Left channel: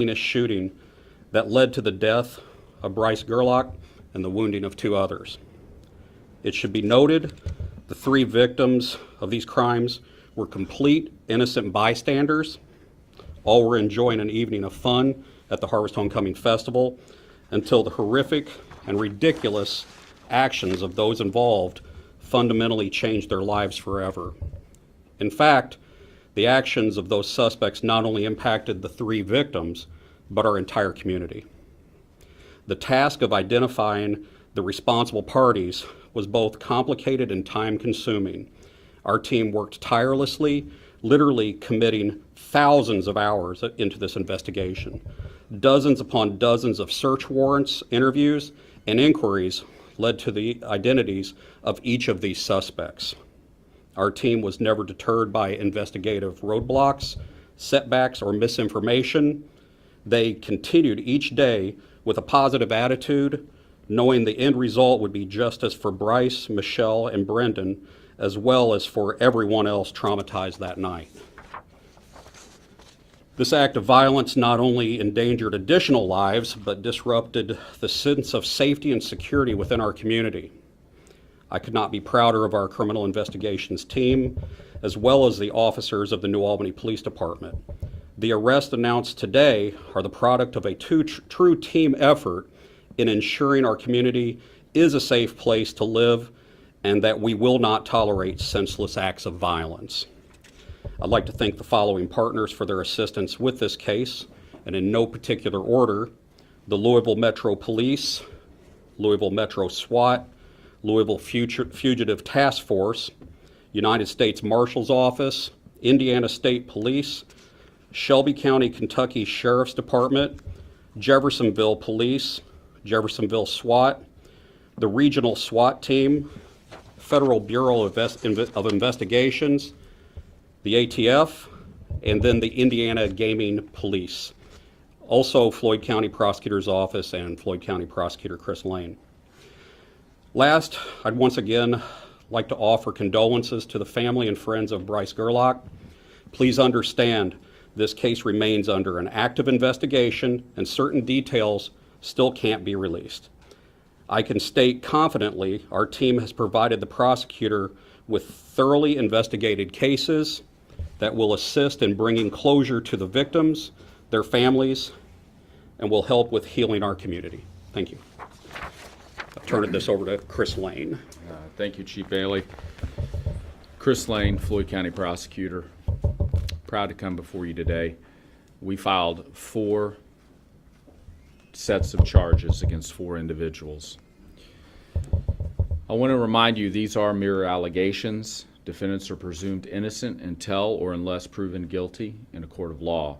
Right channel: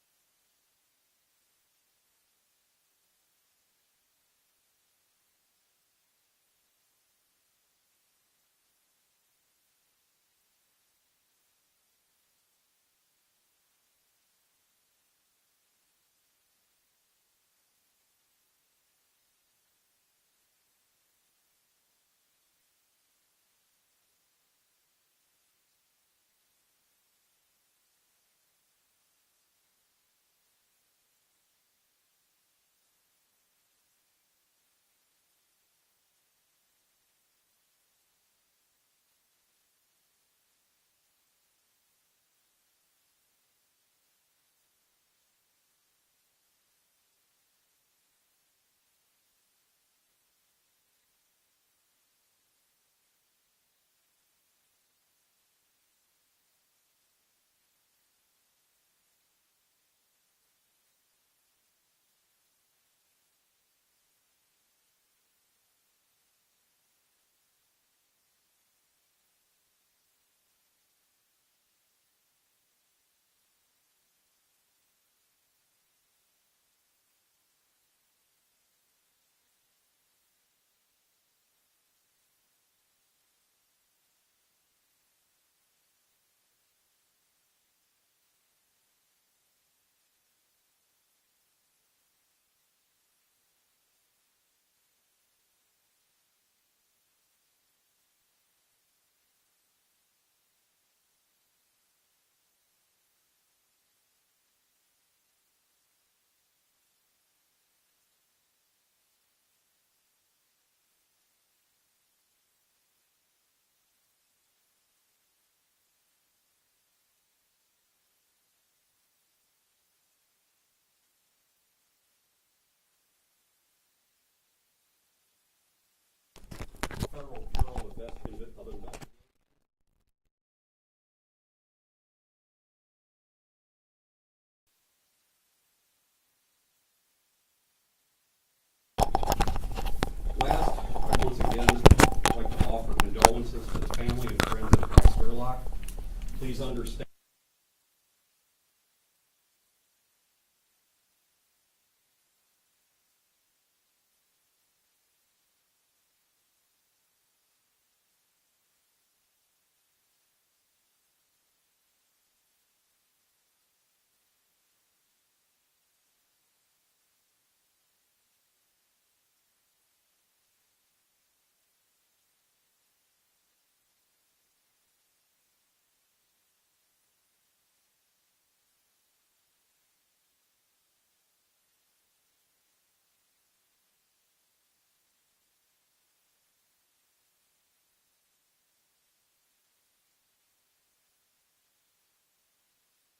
heinous shooting that led to the death of Bryce Gerlach and the wounding of 2 others. It should be noted the 3 victims of these crimes were complete innocent bystanders. All were enjoying an evening of fun at the Harvest Homecoming Festival until the horrific and ridiculous actions of those involved fundamentally changed their lives forever. In fact, the actions of those suspects not only impacted the 3 victims, but our entire community. The task of identifying the responsible parties was both complicated and time-consuming. Our team worked tirelessly, literally committing thousands of hours into this investigation. Dozens upon dozens of search warrants, interviews, and inquiries led to the identities of each of these suspects. Our team was never deterred by investigative roadblocks, setbacks, or misinformation. They continued each day with a positive attitude, knowing the end result would be justice for Bryce, Michelle, and Brendan, as well as for everyone else traumatized that night. This act of violence not only endangered additional lives, but disrupted the sense of safety and security within our community. I could not be prouder of our criminal investigations team, as well as the officers of the New Albany Police Department. The arrests announced today are the product of a true team effort in ensuring our community is a safe place to live and that we will not tolerate senseless acts of violence. I'd like to thank the following partners for their assistance with this case, and in no particular order: the Louisville Metro Police, Louisville Metro SWAT, Louisville Fugitive Task Force, United States Marshal's Office, Indiana State Police, Shelby County, Kentucky Sheriff's Department, Jeffersonville Police, Jeffersonville SWAT, the Regional SWAT Team, Federal Bureau of Investigations, the ATF, and then the Indiana Gaming Police. Also, Floyd County Prosecutor's Office and Floyd County Prosecutor Chris Lane. Last, I'd once again like to offer condolences to the family and friends of Bryce Gerlach. Please understand, this case remains under an active investigation and certain details still can't be released. I can state confidently our team has provided the prosecutor with thoroughly investigated cases that will assist in bringing closure to the victims, their families, and will help with healing our community. Thank you. I'll turn this over to Chris Lane. Thank you, Chief Bailey. Chris Lane, Floyd County Prosecutor. Proud to come before you today. We filed 4 sets of charges against 4 individuals. I want to remind you these are mere allegations. Defendants are presumed innocent until or unless proven guilty in a court of law.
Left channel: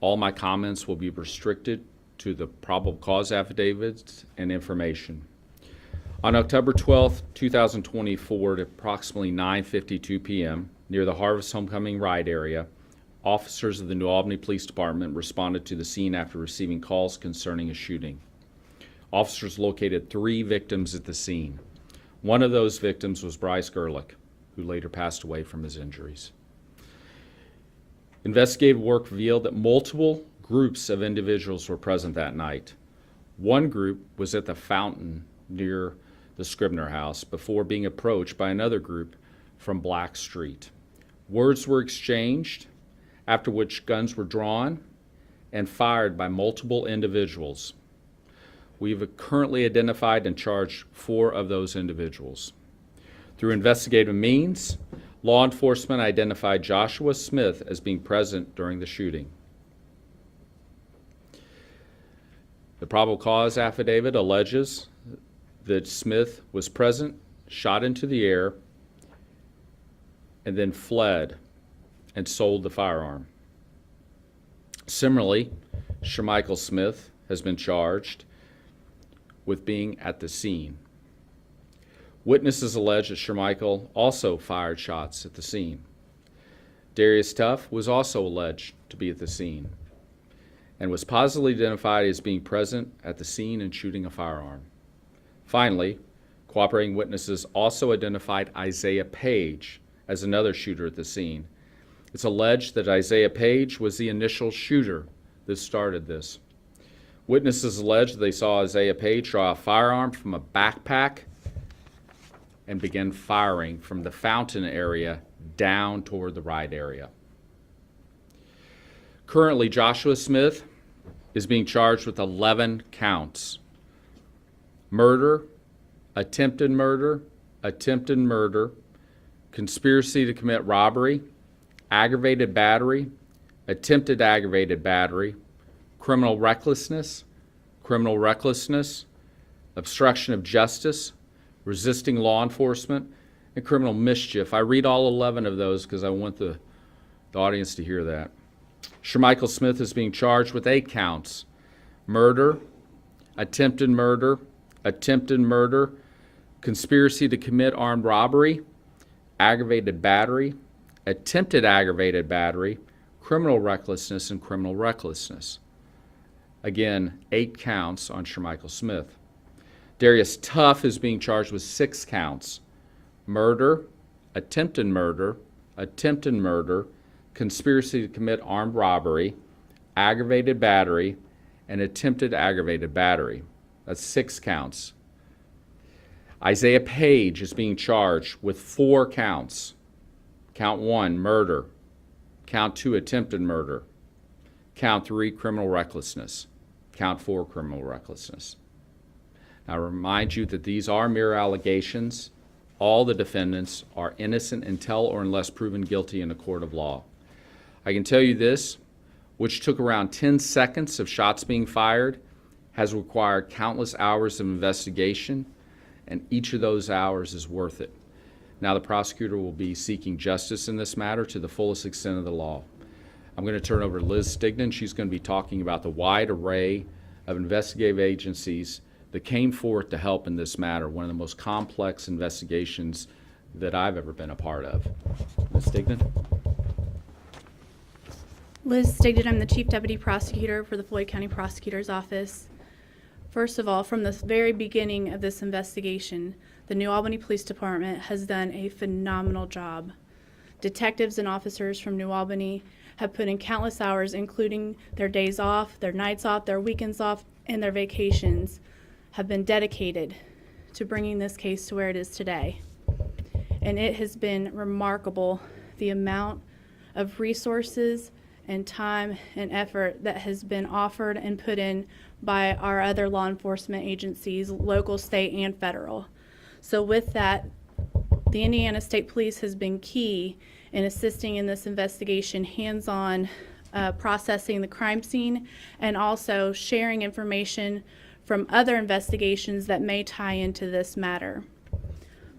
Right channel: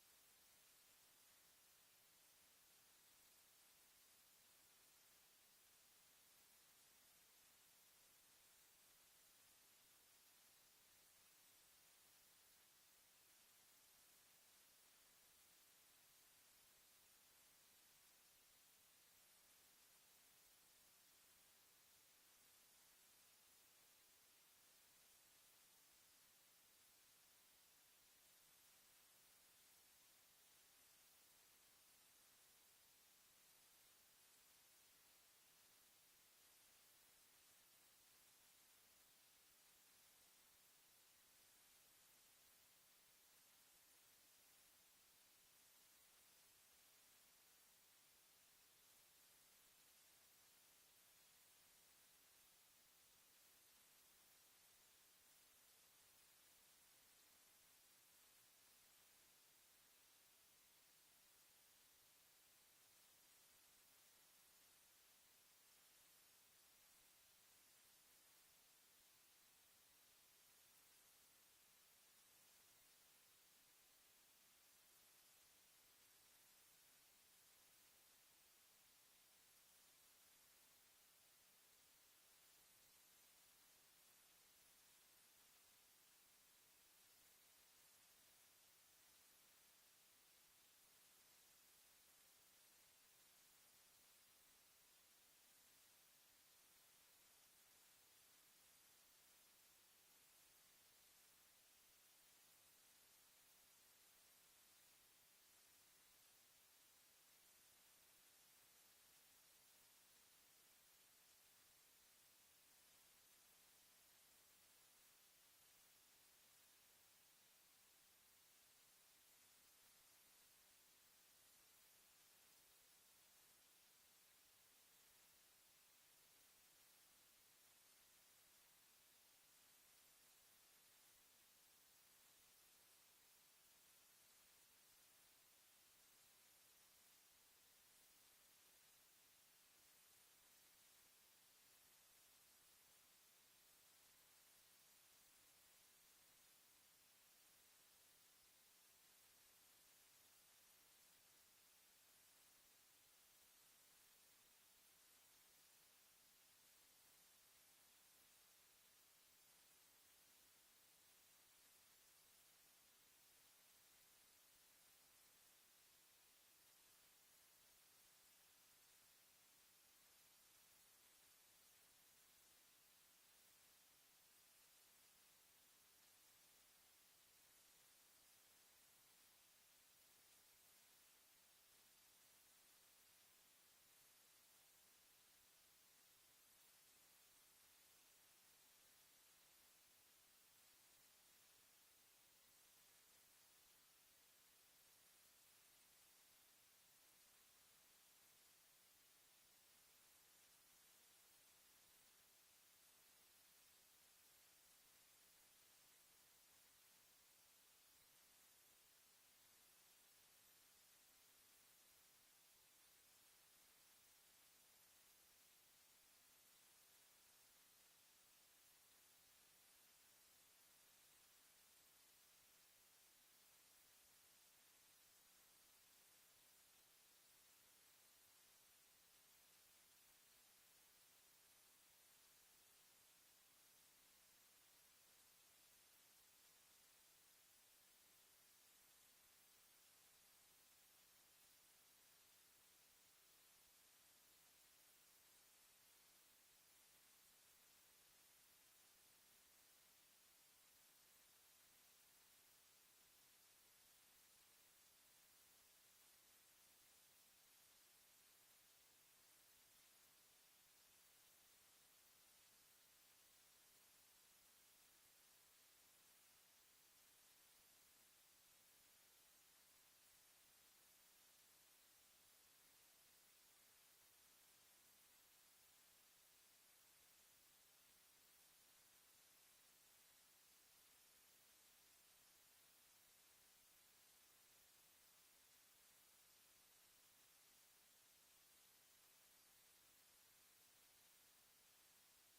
All my comments will be restricted to the probable cause affidavits and information. On October 12, 2024, at approximately 9:52 p.m., near the Harvest Homecoming Ride area, officers of the New Albany Police Department responded to the scene after receiving calls concerning a shooting. Officers located 3 victims at the scene. One of those victims was Bryce Gerlach, who later passed away from his injuries. Investigative work revealed that multiple groups of individuals were present that night. One group was at the fountain near the Scribner house before being approached by another group from Black Street. Words were exchanged, after which guns were drawn and fired by multiple individuals. We've currently identified and charged 4 of those individuals. Through investigative means, law enforcement identified Joshua Smith as being present during the shooting. The probable cause affidavit alleges that Smith was present, shot into the air, and then fled and sold the firearm. Similarly, Shermichael Smith has been charged with being at the scene. Witnesses allege that Shermichael also fired shots at the scene. Darius Tuff was also alleged to be at the scene and was positively identified as being present at the scene and shooting a firearm. Finally, cooperating witnesses also identified Isaiah Page as another shooter at the scene. It's alleged that Isaiah Page was the initial shooter that started this. Witnesses allege they saw Isaiah Page draw a firearm from a backpack and begin firing from the fountain area down toward the right area. Currently, Joshua Smith is being charged with 11 counts: murder, attempted murder, conspiracy to commit robbery, aggravated battery, attempted aggravated battery, criminal recklessness, obstruction of justice, resisting law enforcement, and criminal mischief. I read all 11 of those because I want the audience to hear that. Shermichael Smith is being charged with 8 counts: murder, attempted murder, conspiracy to commit armed robbery, aggravated battery, attempted aggravated battery, criminal recklessness, and criminal recklessness. Again, 8 counts on Shermichael Smith. Darius Tuff is being charged with 6 counts: murder, attempted murder, conspiracy to commit armed robbery, aggravated battery, and attempted aggravated battery. That's 6 counts. Isaiah Page is being charged with 4 counts. Count 1, murder. Count 2, attempted murder. Count 3, criminal recklessness. Count 4, criminal recklessness. Now, I remind you that these are mere allegations. All the defendants are innocent until or unless proven guilty in a court of law. I can tell you this, which took around 10 seconds of shots being fired, has required countless hours of investigation, and each of those hours is worth it. Now the prosecutor will be seeking justice in this matter to the fullest extent of the law. I'm going to turn over to Liz Stignan. She's going to be talking about the wide array of investigative agencies that came forth to help in this matter, one of the most complex investigations that I've ever been a part of. Liz Stignan. Liz Stignan, I'm the Chief Deputy Prosecutor for the Floyd County Prosecutor's Office. First of all, from the very beginning of this investigation, the New Albany Police Department has done a phenomenal job. Detectives and officers from New Albany have put in countless hours, including their days off, their nights off, their weekends off, and their vacations, have been dedicated to bringing this case to where it is today. And it has been remarkable, the amount of resources and time and effort that has been offered and put in by our other law enforcement agencies, local, state, and federal. So with that, the Indiana State Police has been key in assisting in this investigation, hands-on processing the crime scene, and also sharing information from other investigations that may tie into this matter.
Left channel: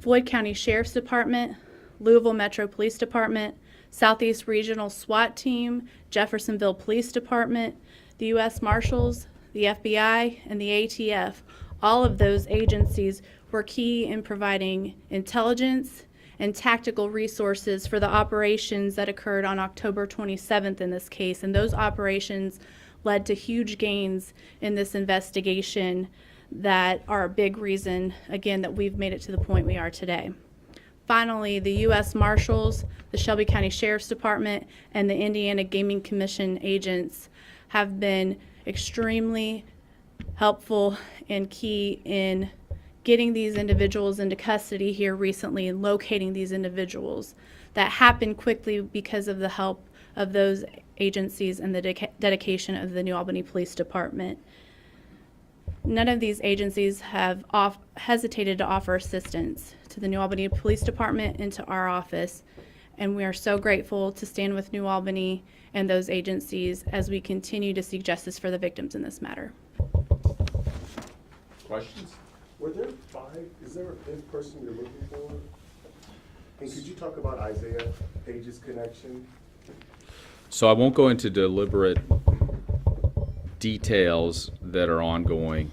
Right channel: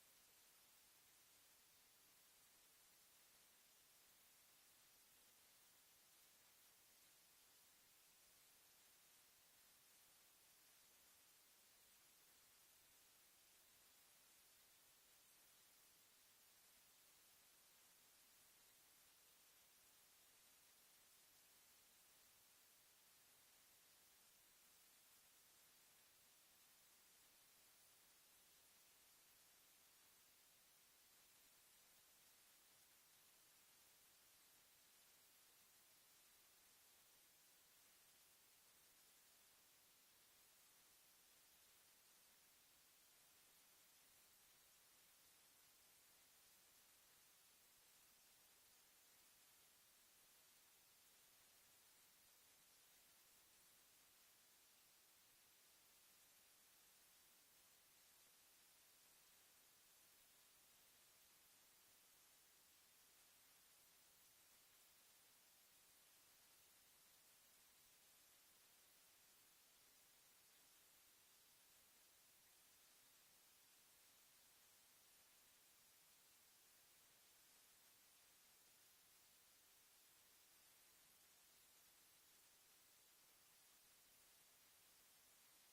Floyd County Sheriff's Department, Louisville Metro Police Department, Southeast Regional SWAT Team, Jeffersonville Police Department, the U.S. Marshals, the FBI, and the ATF. All of those agencies were key in providing intelligence and tactical resources for the operations that occurred on October 27th in this case. And those operations led to huge gains in this investigation that are a big reason, again, that we've made it to the point we are today. Finally, the U.S. Marshals, the Shelby County Sheriff's Department, and the Indiana Gaming Commission agents have been extremely helpful and key in getting these individuals into custody here recently and locating these individuals. That happened quickly because of the help of those agencies and the dedication of the New Albany Police Department. None of these agencies have hesitated to offer assistance to the New Albany Police Department and to our office, and we are so grateful to stand with New Albany and those agencies as we continue to seek justice for the victims in this matter. Questions? Were there 5? Is there a 5th person you're looking for? And could you talk about Isaiah Page's connection? So I won't go into deliberate details that are ongoing.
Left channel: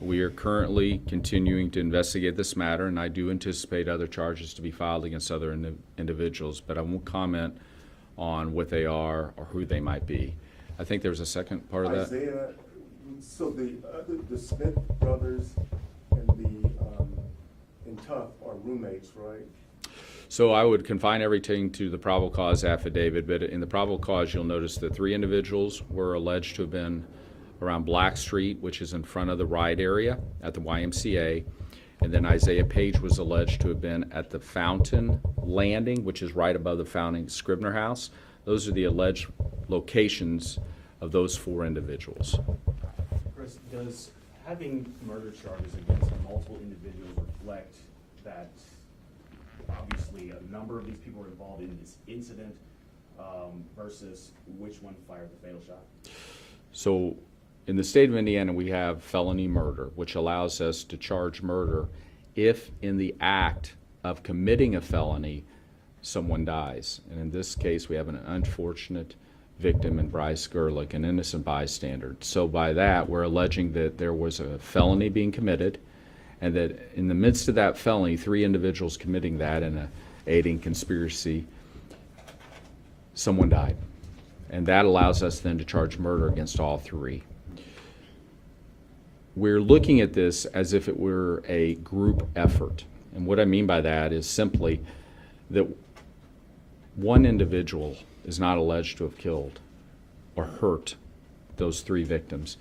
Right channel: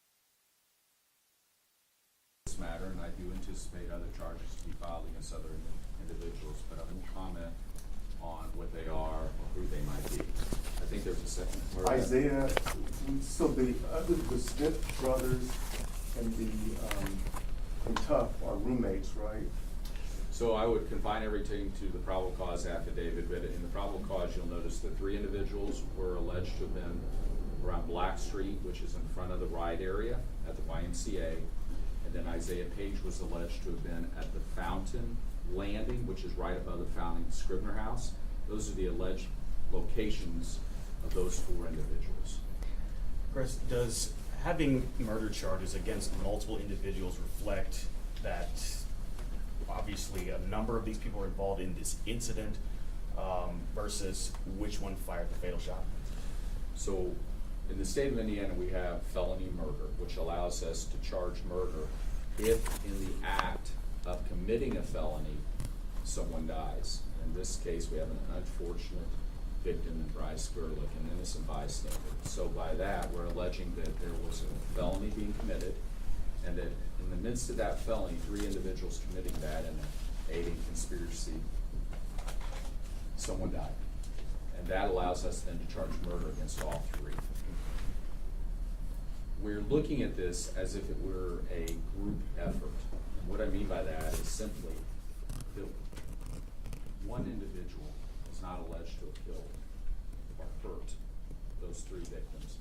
We are currently continuing to investigate this matter, and I do anticipate other charges to be filed against other individuals, but I won't comment on what they are or who they might be. I think there was a second part of that. Isaiah, so the Smith brothers and the Tuff are roommates, right? So I would confine everything to the probable cause affidavit, but in the probable cause, you'll notice that 3 individuals were alleged to have been around Black Street, which is in front of the ride area at the YMCA. And then Isaiah Page was alleged to have been at the Fountain Landing, which is right above the Fountain Scribner House. Those are the alleged locations of those 4 individuals. Chris, does having murder charges against multiple individuals reflect that obviously a number of these people were involved in this incident versus which one fired the fatal shot? So in the state of Indiana, we have felony murder, which allows us to charge murder if in the act of committing a felony, someone dies. And in this case, we have an unfortunate victim in Bryce Gerlich, an innocent bystander. So by that, we're alleging that there was a felony being committed, and that in the midst of that felony, 3 individuals committing that in a aiding conspiracy, someone died. And that allows us then to charge murder against all 3. We're looking at this as if it were a group effort. And what I mean by that is simply that one individual is not alleged to have killed or hurt those 3 victims.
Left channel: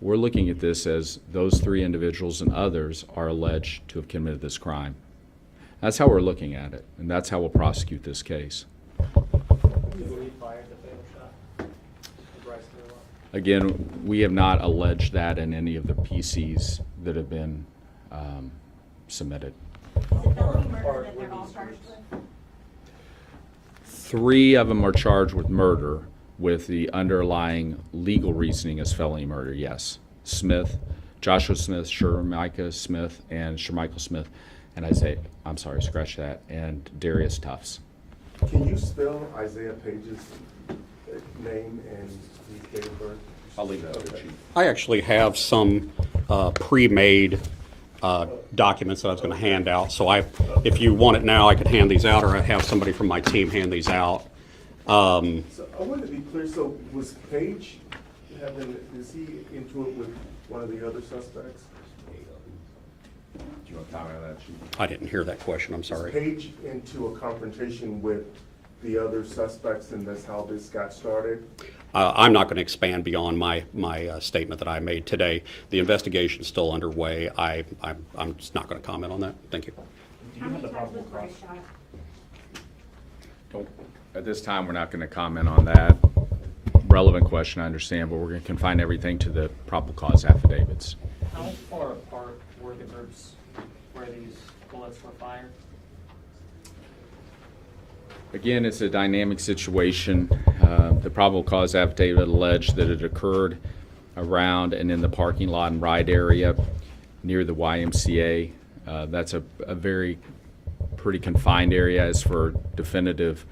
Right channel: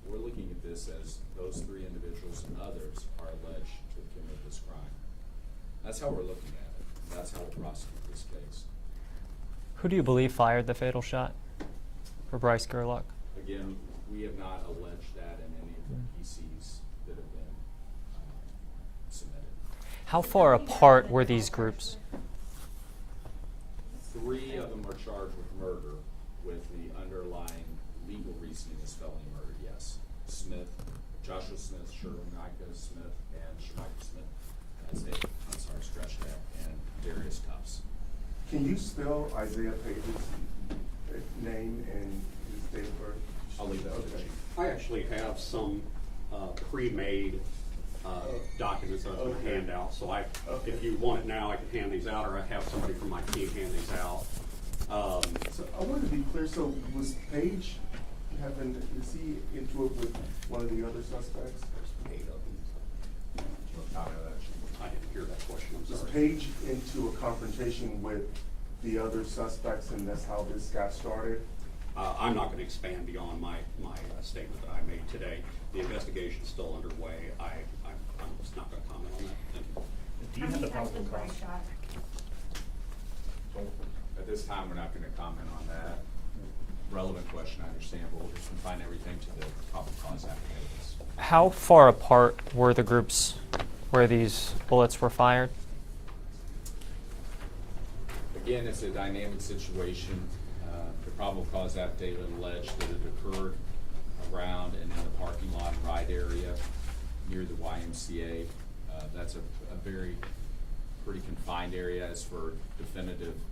We're looking at this as those 3 individuals and others are alleged to have committed this crime. That's how we're looking at it, and that's how we'll prosecute this case. Who do you believe fired the fatal shot for Bryce Gerlich? Again, we have not alleged that in any of the PCs that have been submitted. How far apart were these groups? 3 of them are charged with murder, with the underlying legal reasoning as felony murder, yes. Smith, Joshua Smith, Shermichael Smith, and Shermichael Smith, and scratch that, and Darius Tufts. Can you spell Isaiah Page's name and his date of birth? I'll leave that to the chief. I actually have some pre-made documents that I was going to hand out. So if you want it now, I could hand these out, or I have somebody from my team hand these out. So I want to be clear, so was Page is he into it with one of the other suspects? Do you want to talk about that, chief? I didn't hear that question, I'm Was sorry. Page into a confrontation with the other suspects, and that's how this got started? I'm not going to expand beyond my statement that I made today. The investigation is still underway. I'm just not going to comment on that. Thank you. Do you have the probable cause? At this time, we're not going to comment on that. Relevant question, I understand, but we're going to confine everything to the probable cause affidavits. How far apart were the groups where these bullets were fired? Again, it's a dynamic situation. The probable cause affidavit alleged that it occurred around and in the parking lot and ride area near the YMCA. That's a very pretty confined area. As for definitive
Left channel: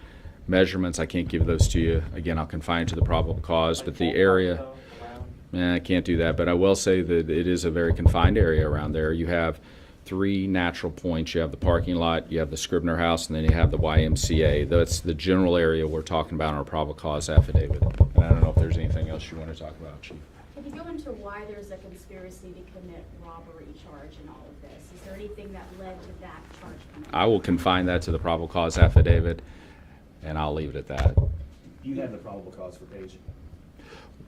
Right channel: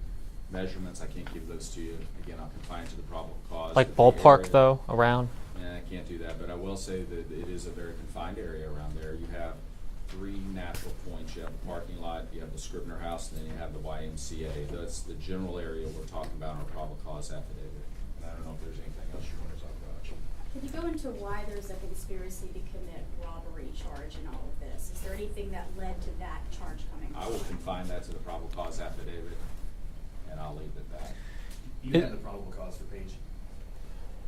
measurements, I can't give those to you. Again, I'll confine to the probable cause. Like but ballpark, the area, though, around? I can't do that, but I will say that it is a very confined area around there. You have 3 natural points. You have the parking lot, you have the Scribner House, and then you have the YMCA. That's the general area we're talking about in our probable cause affidavit. And I don't know if there's anything else you want to talk about. Can you go into why there's a conspiracy to commit robbery charge in all of this? Is there anything that led to that charge coming? I will confine that to the probable cause affidavit, and I'll leave it at that. You have the probable cause for Page?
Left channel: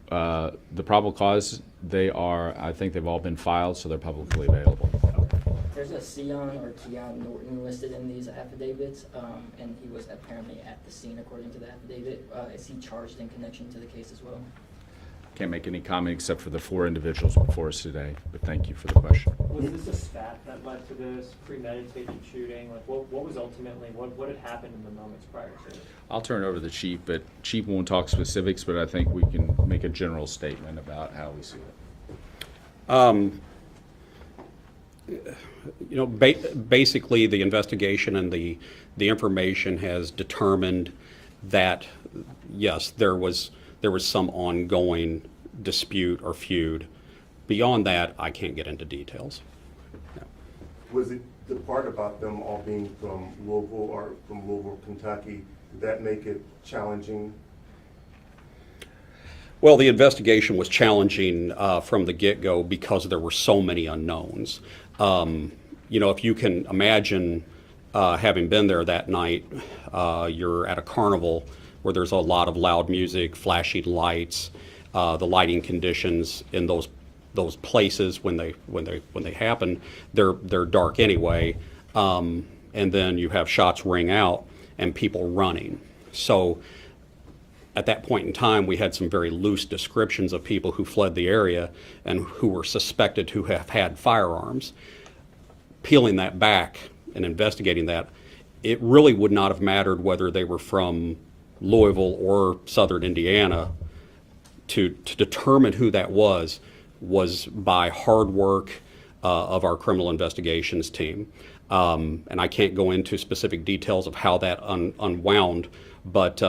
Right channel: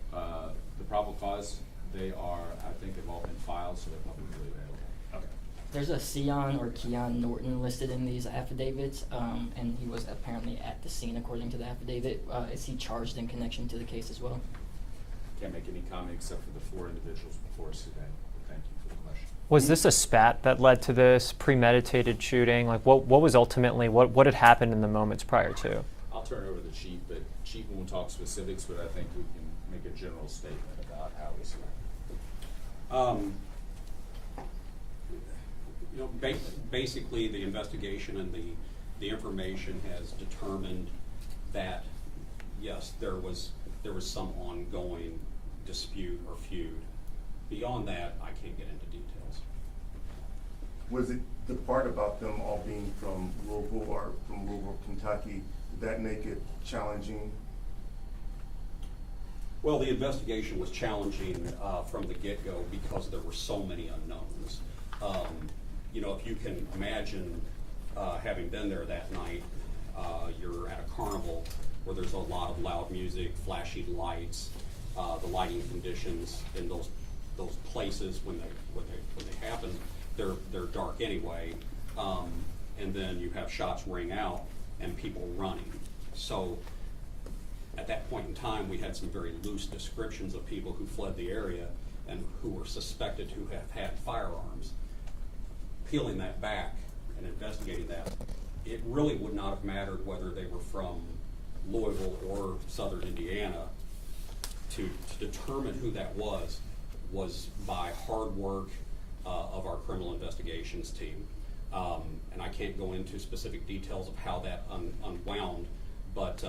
The probable cause, I think they've all been filed, so they're publicly available. There's a Sion or Keon Norton listed in these affidavits, and he was apparently at the scene according to the affidavit. Is he charged in connection to the case as well? Can't make any comment except for the 4 individuals before us today, but thank you for the question. Was this a spat that led to this premeditated shooting? Like, what was ultimately, what had happened in the moments prior to? I'll turn it over to the chief, but chief won't talk specifics, but I think we can make a general statement about how we see it. Basically, the investigation and the information has determined that, yes, there was some ongoing dispute or feud. Beyond that, I can't get into details. Was it the part about them all being from Louisville, Kentucky, did that make it challenging? Well, the investigation was challenging from the get-go because there were so many unknowns. If you can imagine having been there that night, you're at a carnival where there's a lot of loud music, flashing lights, the lighting conditions in those places when they happen, they're dark anyway, and then you have shots ring out and people running. So at that point in time, we had some very loose descriptions of people who fled the area and who were suspected to have had firearms. Peeling that back and investigating that, it really would not have mattered whether they were from Louisville or Southern Indiana. To determine who that was by hard work of our criminal investigations team. And I can't go into specific details of how that unwound, but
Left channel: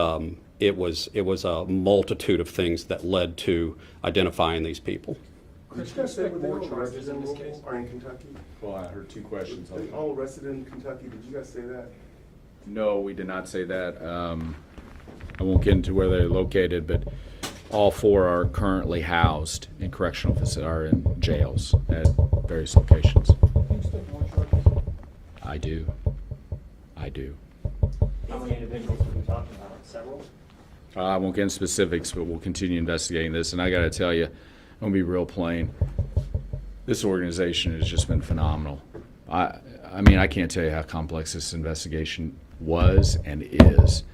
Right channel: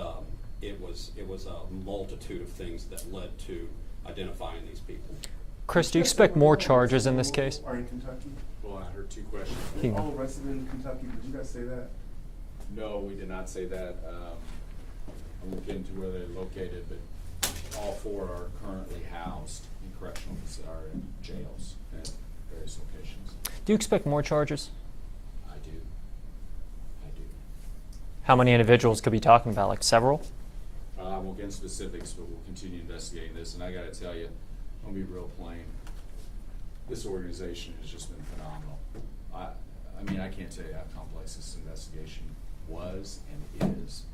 it was a multitude of things that led to identifying these people. Chris, do you expect more charges in this case? Are in Kentucky? Well, I heard two questions. Are they all arrested in Kentucky? Did you guys say that? No, we did not say that. I won't get into where they're located, but all four are currently housed in correctional facilities, are in jails at various locations. Do you expect more charges? I do. How many individuals could we be talking about? Like several? I won't get into specifics, but we'll continue investigating this. And I got to tell you, I'm going to be real plain. This organization has just been phenomenal. I mean, I can't tell you how complex this investigation was and is.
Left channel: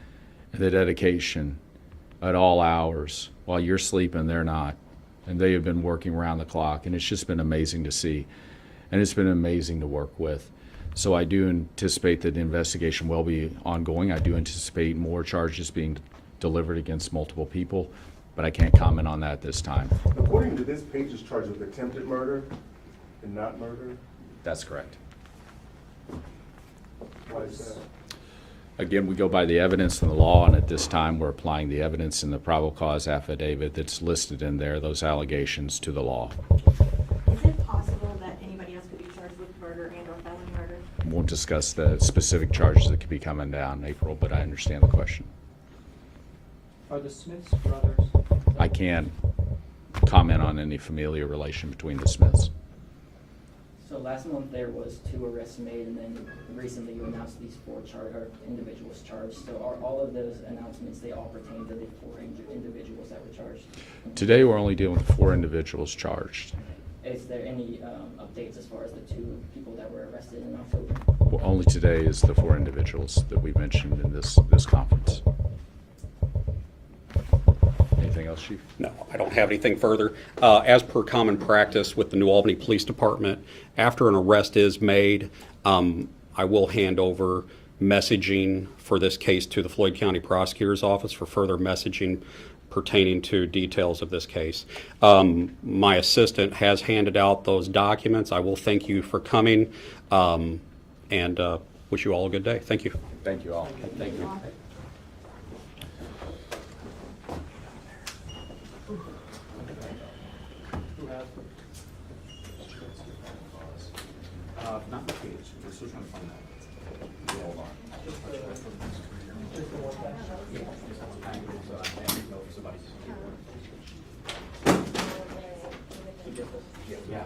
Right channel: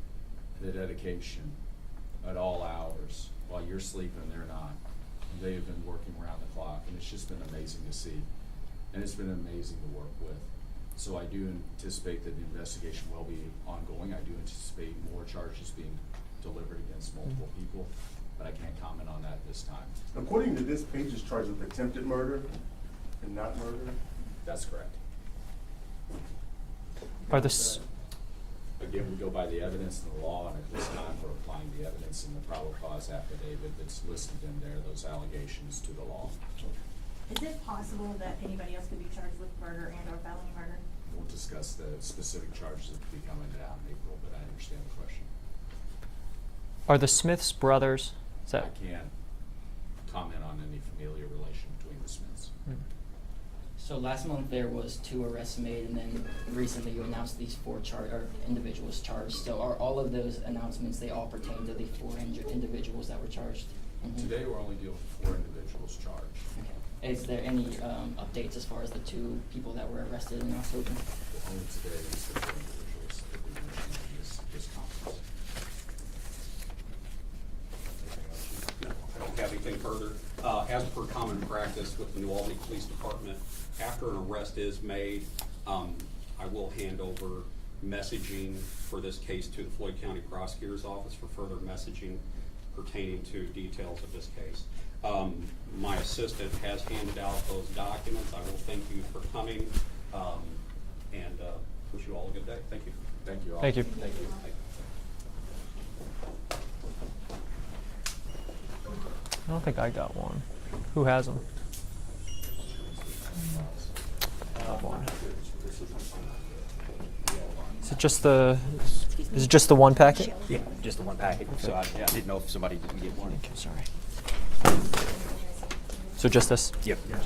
The dedication at all hours. While you're sleeping, they're not. And they have been working around the clock. And it's just been amazing to see. And it's been amazing to work with. So I do anticipate that the investigation will be ongoing. I do anticipate more charges being delivered against multiple people. But I can't comment on that this time. According to this page, is charged with attempted murder and not murder? That's correct. Are this? Again, we go by the evidence in the law, and at this time, we're applying the evidence in the probable cause affidavit that's listed in there, those allegations, to the law. Is it possible that anybody else could be charged with murder and or felony murder? Won't discuss the specific charges that could be coming down, April, but I understand the question. Are the Smiths brothers? Is that- I can't comment on any familial relation between the Smiths. So last month there was 2 arrests made, and then recently you announced these 4 individuals charged. So are all of those announcements, they all pertain to the 4 individuals that were charged? Today, we're only dealing with 4 individuals charged. Okay. Is there any updates as far as the 2 people that were arrested in October? Well, only today is the 4 individuals that we've mentioned in this conference. Anything else, Chief? No, I don't have anything further. As per common practice with the New Albany Police Department, after an arrest is made, I will hand over messaging for this case to the Floyd County Prosecutor's Office for further messaging pertaining to details of this case. My assistant has handed out those documents. I will thank you for coming, and wish you all a good day. Thank you. Thank you all. Thank you. Thank you. I don't think I got one. Who has them? Is it just the one packet? Yeah, just the one packet, so I didn't know if somebody didn't get one. So just this? Yep. Perfect.